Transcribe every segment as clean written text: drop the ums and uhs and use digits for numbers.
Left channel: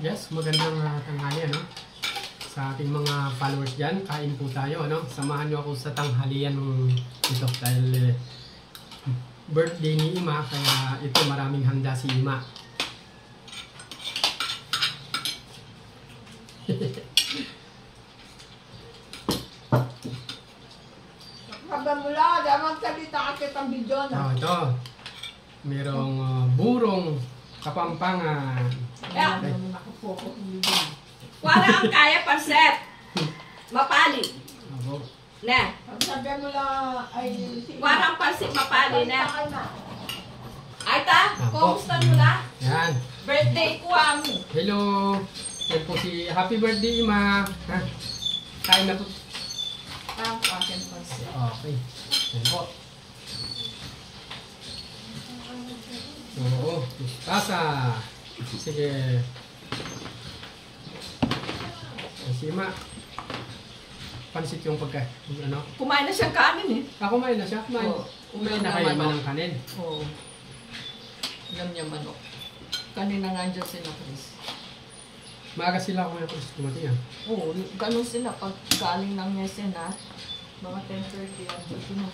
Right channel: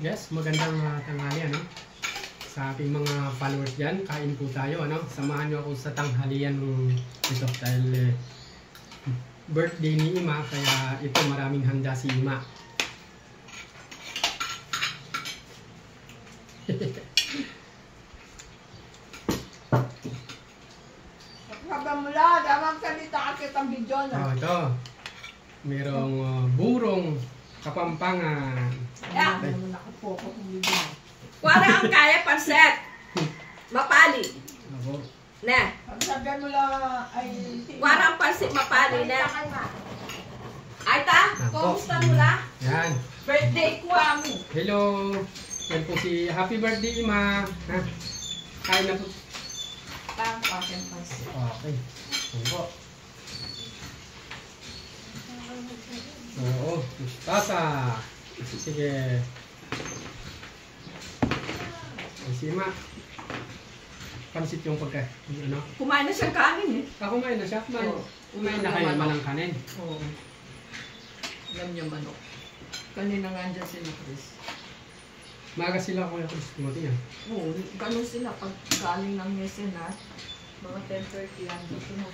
Yes, magandang tanghali ano. Sa ating mga followers dyan, kain po tayo ano. Samahan nyo ako sa tanghalian ito dahil birthday ni Ima, kaya ito maraming handa si Ima. Kagamula, damang salita kasi itong video na. Ito, merong burong Kapampangan. Yeah. Wala ang kaya panset. Mapali. Ako. Ne. Sabihan mo lang ay... Warang pansit mapali na. Ay ta, Ako. kumusta mo na? Yan. Birthday ko ang. Hello. Yan po si Happy Birthday Ima. Ha? Kain na po. Ang aking pansit. Okay. Yan po. Oo, mustasa. Sige. Si Ima. Pansit yung pagka, ano? Kumain na siyang kanin eh. Kumain na siya. Kumain na kayo ba ng kanin? Oo. Alam niya manok. Kanina nga dyan sila, Chris. Maaga sila kung yung kustumating ah. Oo, ganun sila. Pag galing ng mesin na, mga 10:30 yan. Dito na.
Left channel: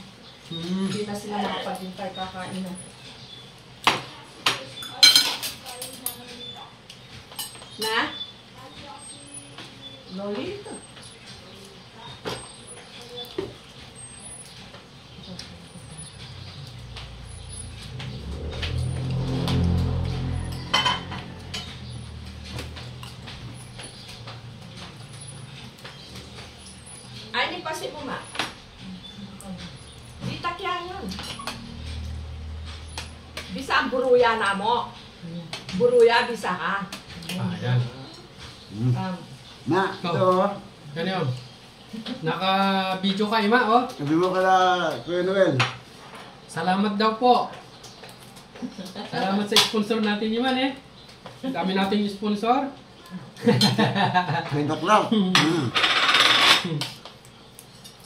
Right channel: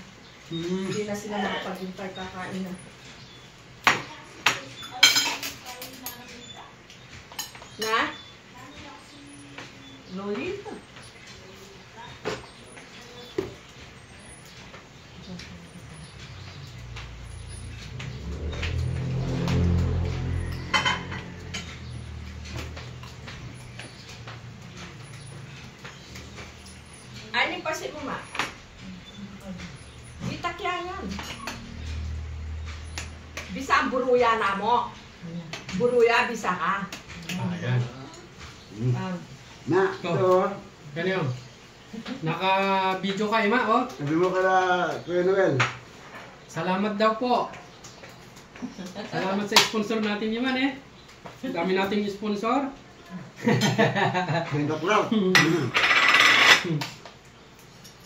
Hindi na sila makapaghintay kakain na. Na? Lolita. Ay, ni pasi mo ma. Di takyan yan. Bisa ang buruya na mo. Buruya, bisa ka. Ayan. Na, ito. Yan yun. Naka-video ka, Ima, oh. Sabi mo kala Kuya Noel. Salamat daw po. Salamat sa sponsor natin, Iman, eh. Dami nating sponsor. Hanggang lang.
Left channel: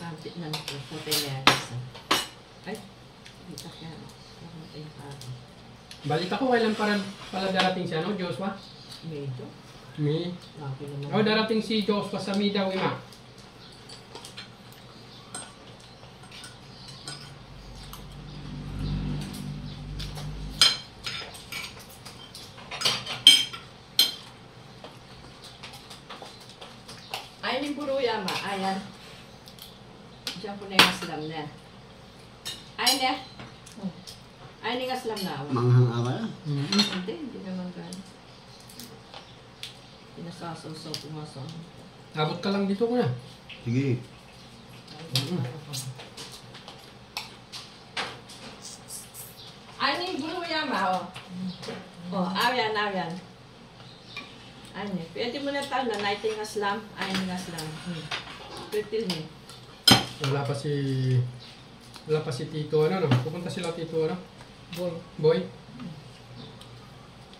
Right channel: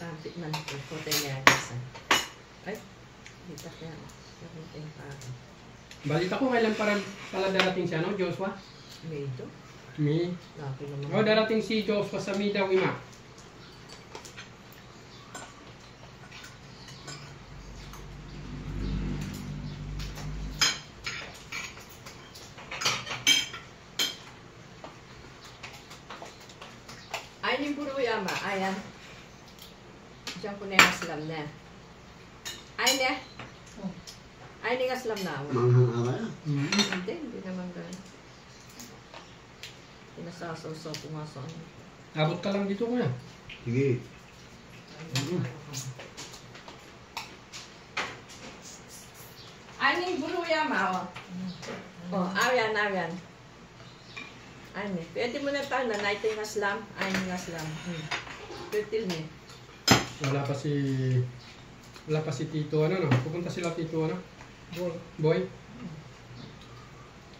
Sabi man po, hotel niya kasi. Ay, di takyan. Hotel pa ako. Balita ko, kailan pala darating si ano, Joshua? Medyo. May. Laki naman. Oh, darating si Joshua sa May daw, Ima. Ay, ni buruya ma. Ayan. Diyan po na yung aslam na. Ay, ne. Ay, ni aslam na. Manghang ama yan. Hindi naman gano'n. Pinasasaw-saw pumasok. Abot ka lang dito, kuya. Sige. Ay, ni buruya ma. Oh, ayan. Ay, ne. Pwede mo na tayo na naito yung aslam. Ay, ni aslam. Pwede ni. Wala pa si Tito, ano, no? Pupunta sila Tito, ano? Boy?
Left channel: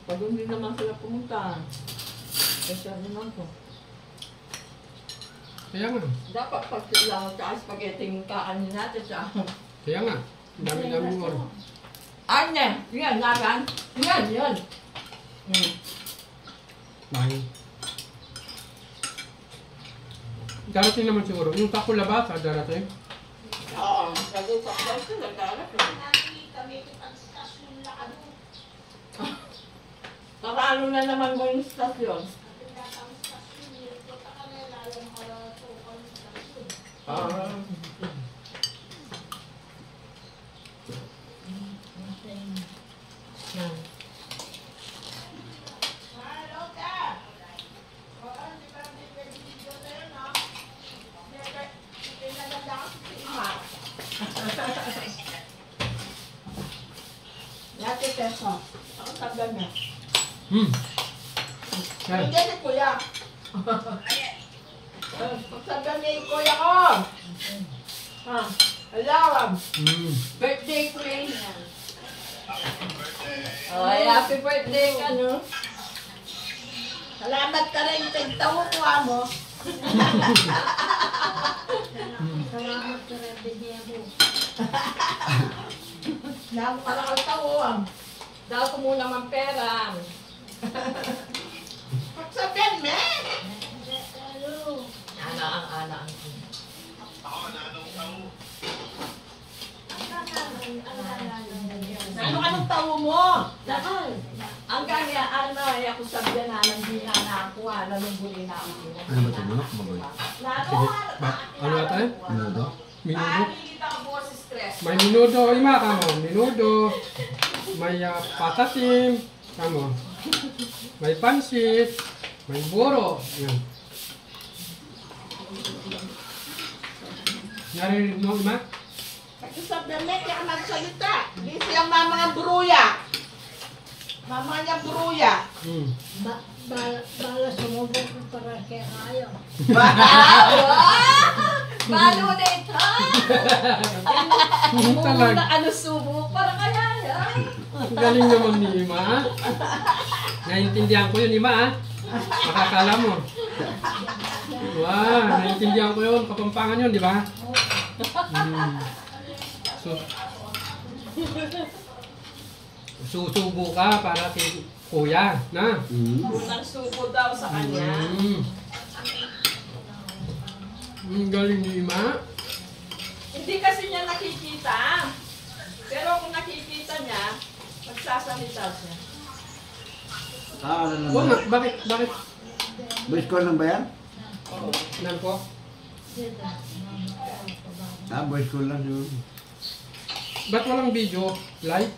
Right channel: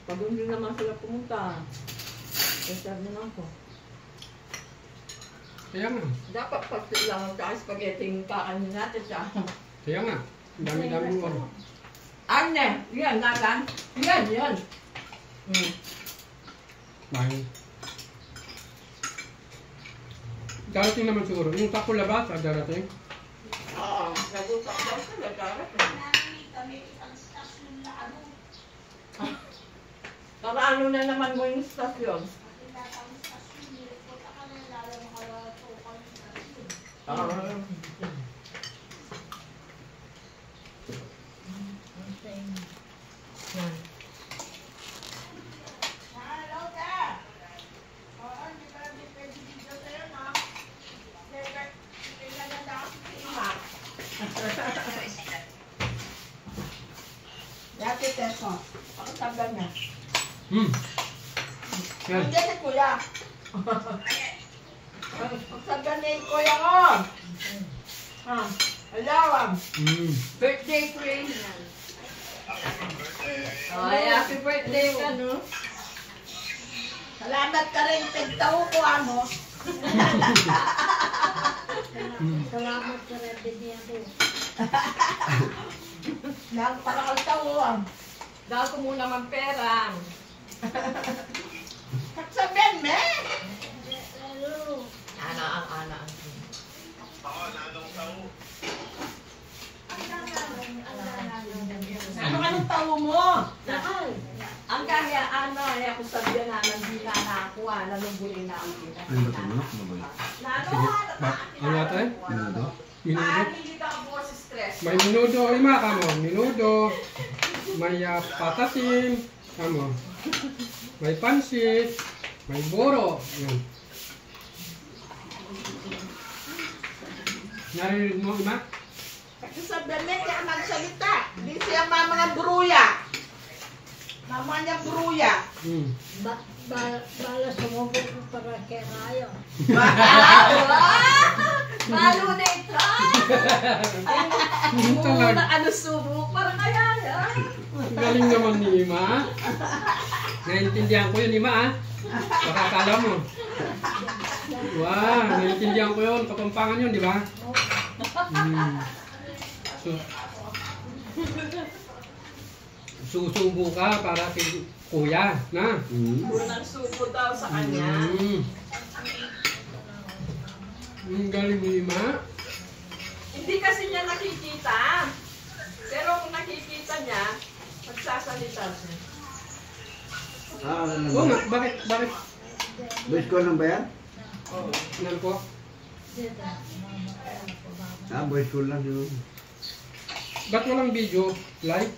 Pag hindi naman sila pumunta. Kasi naman po. Kaya nga. Dapat pag lang sa spaghetti yung kakanin natin siya. Kaya nga. Ang dami-dami mo, ano. Ane! Yan, naran. Yan. Dahil. Darating naman siguro. Yung takula ba? Sa darating? Oo. Nag-usap daw sila. Ano na naman mo yung stasyon? Yate peso. Ako sabihan niya. Yan. Hindi si Kuya. Pagsabihan ni Kuya ko. Hello. Birthday ko yun. Ay, happy birthday ka, no? Salamat ka rin. Tigtawo ko ano. Salamat sa rebelde ako. Nagparakal tawo. Daw ko muna man pera. awo mo. Dakay. Ang kanya, ano, ako sabi na, nandina na ako, nalumbuli na ako. Ano ba ito? Manok? Bagoy? Sige. Ano ata eh? Minuto? Minudo. Hindi ka po si stress. May minudo, ima kamo. Minudo. May patatim. Kamo. May pansit. May buro. Yan. Narinig mo, ima? Kasi sabi niya, kaya magsalita. Hindi siya mama ng buruya. Mama niya buruya. Hmm. Bala sumubok ko para kay Kayo. Balo na ito. Talaga. Ano subo, para kaya yan. Galing naman ni Ima. Naintindihan ko yun, Ima, ah. Makakala mo. Wow, naintindihan ko yun. Kapampangan yun, di ba? So, susubo ka para kay kuya, na? Unang subo daw sa kanya. Galing ni Ima. Hindi kasi niya nakikita. Pero kung nakikita niya, magsasalita siya. Ah, ano Oo naman? nga, bakit? Best ko lang ba yan? Nan ko? Ah, boys ko lang yun. Ba't walang video? Live?